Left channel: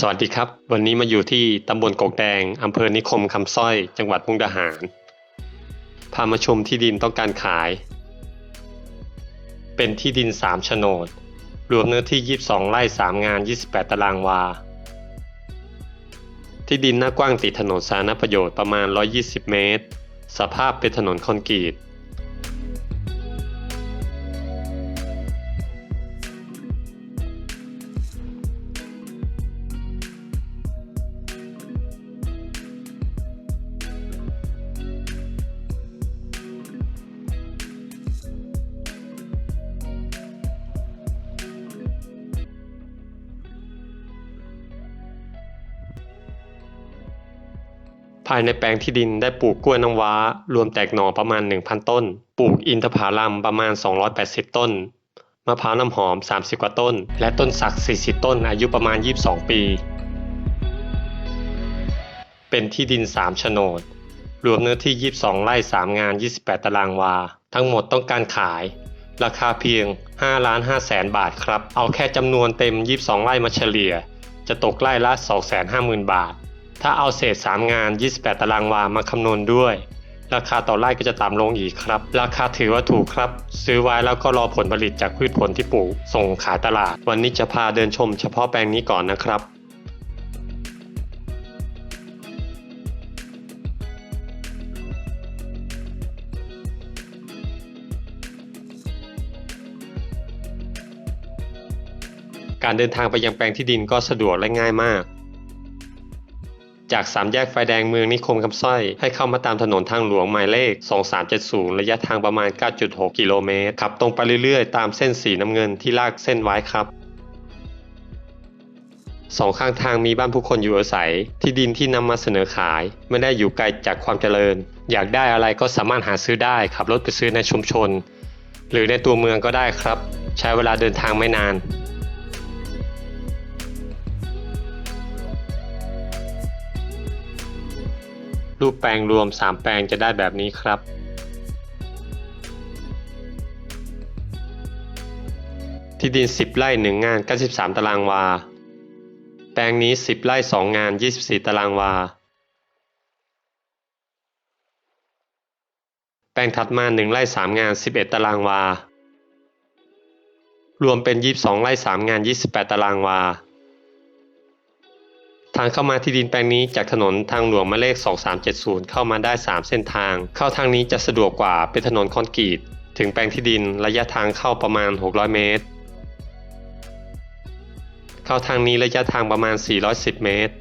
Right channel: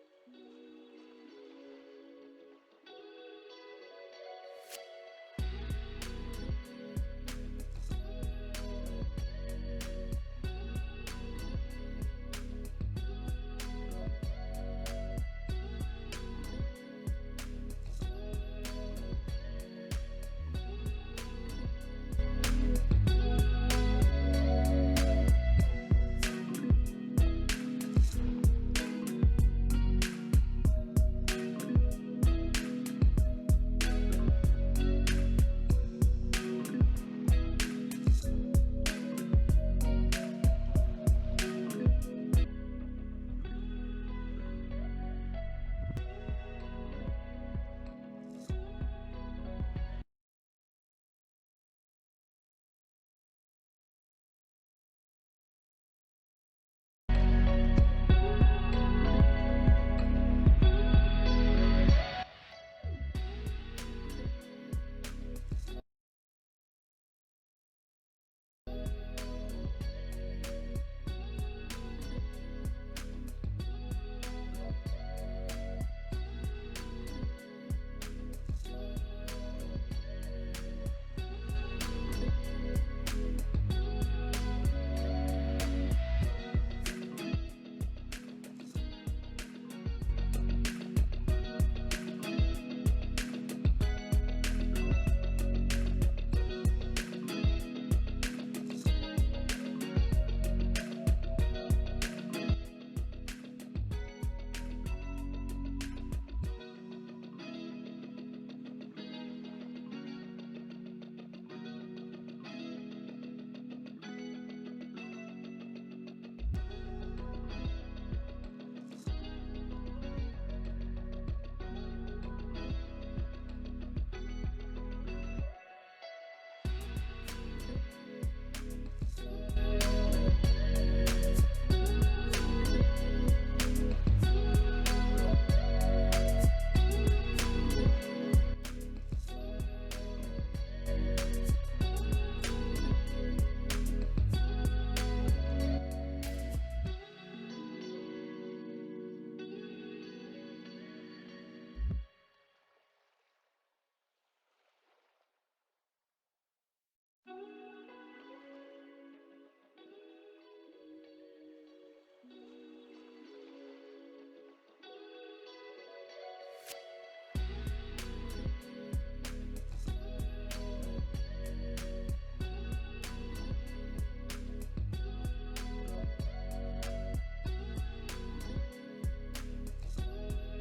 สวัสดีครับ วันนี้มาอยู่ที่ตำบลกกแดงอำเภอนิคมคำสร้อย จังหวัดมุกดาหาร พามาชมที่ดินต้องการขาย เป็นที่ดิน 3 โฉนด รวมเนื้อที่ 22 ไร่ 3 งาน 28 ตารางวา ที่ดินหน้ากว้างติดถนนสาธารณประโยชน์ประมาณ 120 เมตร สภาพเป็นถนนคอนกรีตายในแปลงที่ดินได้ปลูกกล้วยน้ำว้า รวมแตกหน่อประมาณ 1,000 ต้น ปลูกอินทผลัมประมาณ 280 ต้น มะพร้าวน้ำหอม 30 กว่าต้น และต้นสัก 40 ต้นอายุประมาณ 22 ปี เป็นที่ดิน 3 โฉนด รวมเนื้อที่ 22 ไร่ 3 งาน 28 ตารางวา ทั้งหมดต้องการขาย ราคาเพียง 5 ล้าน5แสนบาทครับ เอาแค่จำนวนเต็ม 22 ไร่มาเฉลี่ย จะตกไร่ละ 250,000 บาท ถ้าเอาเศษ 3 งาน 28 ตารางวามาคำนวณด้วย ราคาต่อไร่ก็จะต่ำลงอีกครับ ราคาถือว่าถูกครับ ซื้อไว้แล้วก็รอผลผลิตจากพืชผลที่ปลูก ส่งขายตลาด วันนี้จะพาเดินชมเฉพาะแปลงนี้ก่อนนะครับการเดินทางไปยังแปลงที่ดินก็สะดวกและง่ายมาก จากสามแยกไฟแดงเมืองนิคมคำสร้อย ให้เข้ามาตามถนนทางหลวงหมายเลข 2370 ระยะทางประมาณ 9.6 กิโลเมตร ขับตรงไปเรื่อยๆ ตามเส้นสีน้ำเงินที่ลากเส้นไว้ครับสองข้างทางมีบ้านผู้คนอยู่อาศัย ที่ดินที่นำมาเสนอขาย ไม่ได้อยู่ไกลจากความเจริญ อยากได้อะไรก็สามารถหาซื้อได้ ขับรถไปซื้อในชุมชน หรือในตัวเมืองก็ได้ครับ ใช้เวลาเดินทางไม่นาน รูปแปลงรวม 3 แปลงจะได้แบบนี้ครับ ที่ดิน 10 ไร่ 1 งาน 93 ตารางวา แปลงนี้ 10 ไร่ 2 งาน 24 ตารางวา แปลงถัดมา 1 ไร่ 3 งาน 11 ตารางวา รวมเป็น 22 ไร่ 3 งาน 28 ตารางวา ทางเข้ามาที่ดินแปลงนี้จากถนนทางหลวงหมายเลข 2370 เข้ามาได้ 3 เส้นทาง เข้าทางนี้จะสะดวกกว่าเป็นถนนคอนกรีต ถึงแปลงที่ดินระยะทางเข้าประมาณ 600 เมตร เข้าทางนี้ระยะทางประมาณ 410 เมตร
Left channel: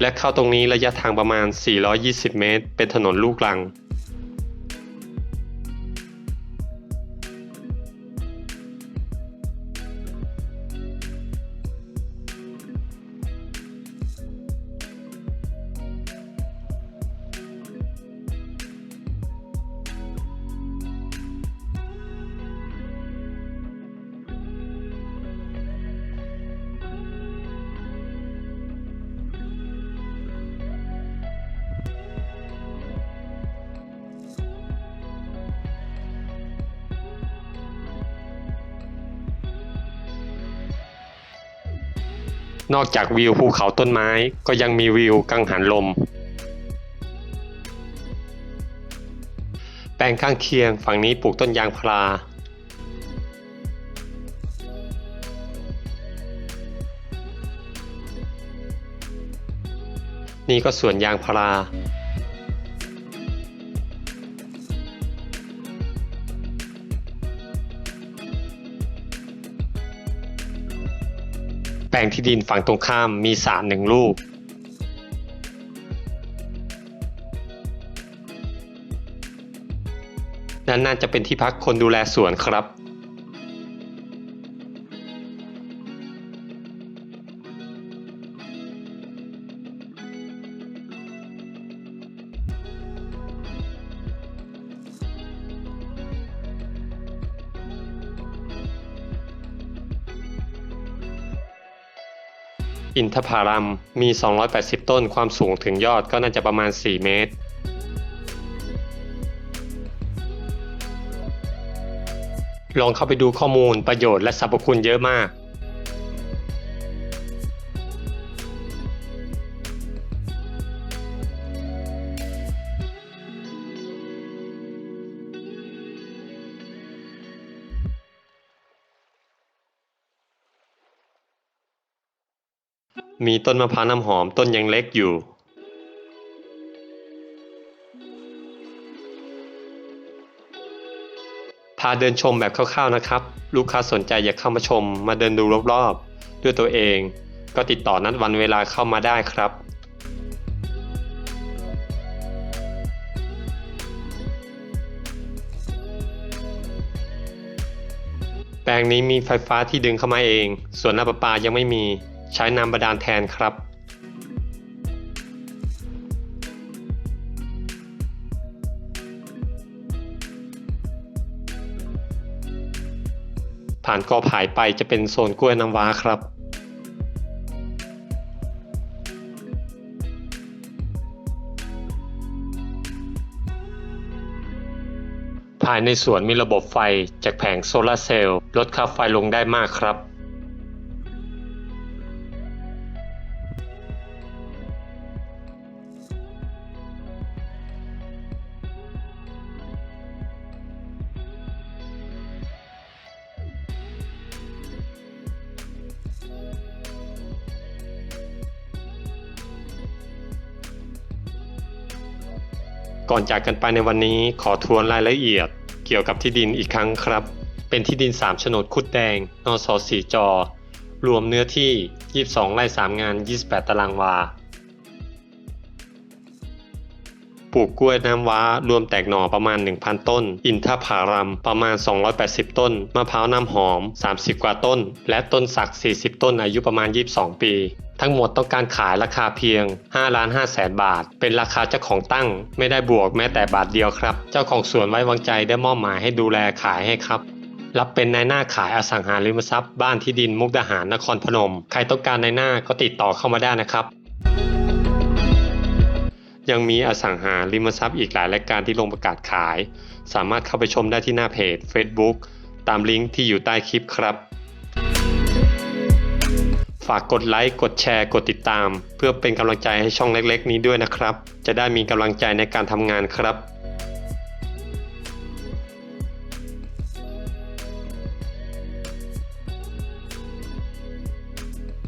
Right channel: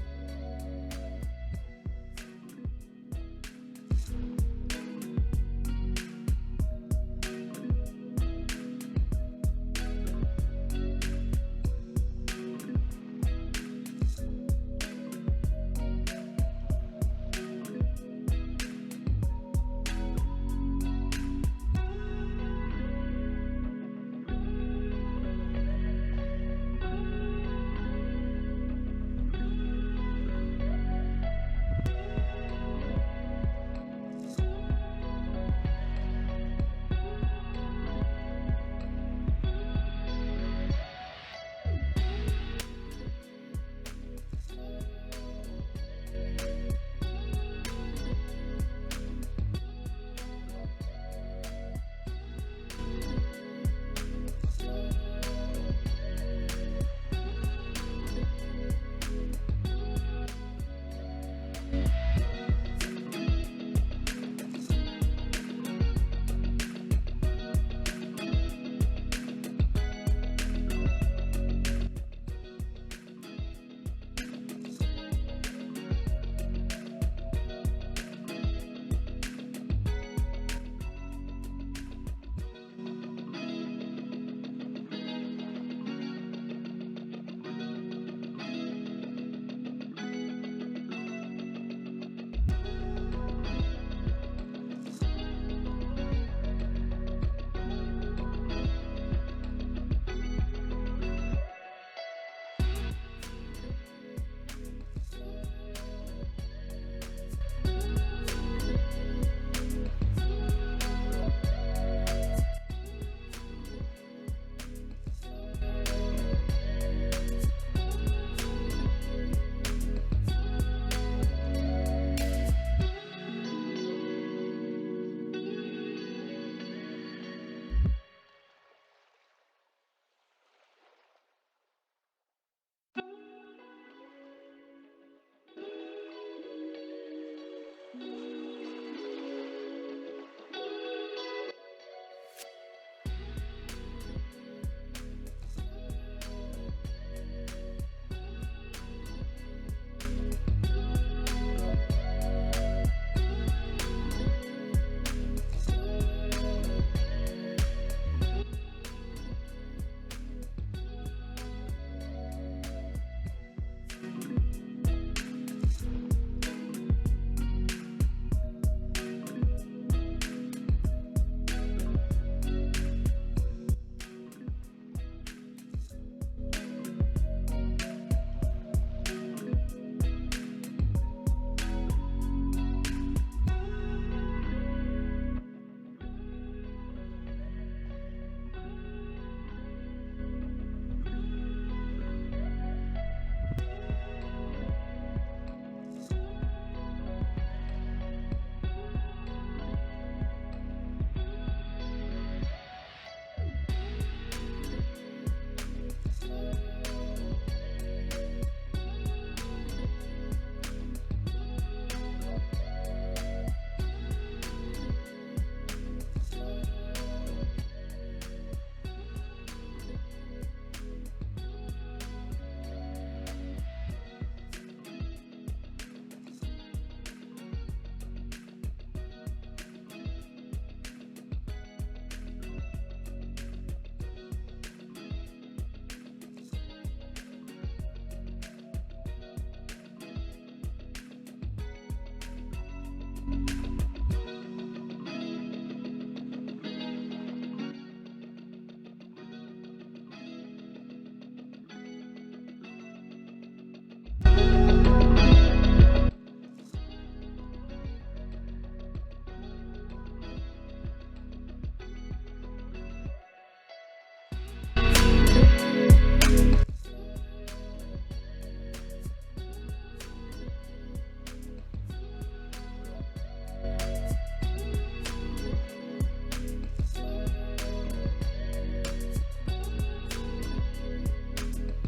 และเข้าตรงนี้ระยะทางประมาณ 420 เมตร เป็นถนนลูกรัง นอกจากวิวภูเขาต้นไม้ก็ยังมีวิวกังหันลม แปลงข้างเคียงฝั่งนี้ปลูกต้นยางพารานี่ก็สวนยางพารา แปลงที่ดินฝั่งตรงข้ามมีสรหนึ่งลูก นั่นน่าจะเป็นที่พักคนดูแลสวนครับ อินทผลัมมี 280 ต้นความสูงถึงยอดก็น่าจะประมาณ 4 เมตรลองเข้าไปดูข้อมูลประโยชน์และสรรพคุณเยอะมาก มีต้นมะพร้าวน้ำหอมต้นยังเล็กอยู่พาเดินชมแบบคร่าวๆนะครับ ลูกค้าสนใจอยากเข้ามาชม มาเดินดูรอบๆ ด้วยตัวเอง ก็ติดต่อนัดวันเวลาเข้ามาได้ครับ แปลงนี้มีไฟฟ้าที่ดึงเข้ามาเอง ส่วนน้ำประปายังไม่มี ใช้น้ำบาดาลแทนครับ ผ่านกอผายไปจะเป็นโซนกล้วยน้ำว้าครับภายในสวนมีระบบไฟจากแผงโซลาร์เซลล์ลดค่าไฟลงได้มากครับ ก่อนจากกันไปในวันนี้ขอทวนรายละเอียด เกี่ยวกับที่ดินอีกครั้งครับ เป็นที่ดิน3โฉนดคุดแดง นสสีจอรวมเนื้อที่ 22 ไร่ 3 งาน 28 ตารางวา ปลูกกล้วยน้ำว้ารวมแตกหน่อประมาณ 1,000 ต้น อินทผารัมประมาณ 280 ต้น มะพร้าวน้ำหอม 30 กว่าต้น และต้นสัก 40 ต้นอายุประมาณ 22 ปีทั้งหมดต้องการขายราคาเพียง 5 ล้าน5แสนบาท เป็นราคาเจ้าของตั้ง ไม่ได้บวกแม้แต่บาทเดียวครับ เจ้าของสวนไว้วางใจได้มอบหมายให้ดูแลขายให้ครับ รับเป็นนายหน้าขายอสังหาริมทรัพย์ บ้านที่ดินมุกดาหารนครพนม ใครต้องการนายหน้าก็ติดต่อเข้ามาได้นะครับ ยังมีอสังหาริมทรัพย์อีกหลายรายการที่ลงประกาศขาย สามารถเข้าไปชมได้ที่หน้าเพจ Facebook ตามลิงก์ที่อยู่ใต้คลิปครับ ฝากกดไลค์ กดแชร์ กดติดตาม เพื่อเป็นกำลังใจให้ช่องเล็ก ๆ นี้ด้วยนะครับ จะได้มีกำลังใจในการทำงานครับ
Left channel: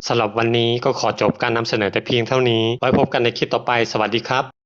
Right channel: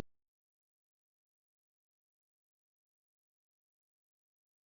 สำหรับวันนี้ก็ขอจบการนำเสนอแต่เพียงเท่านี้ ไว้พบกันในคลิปต่อไป สวัสดีครับ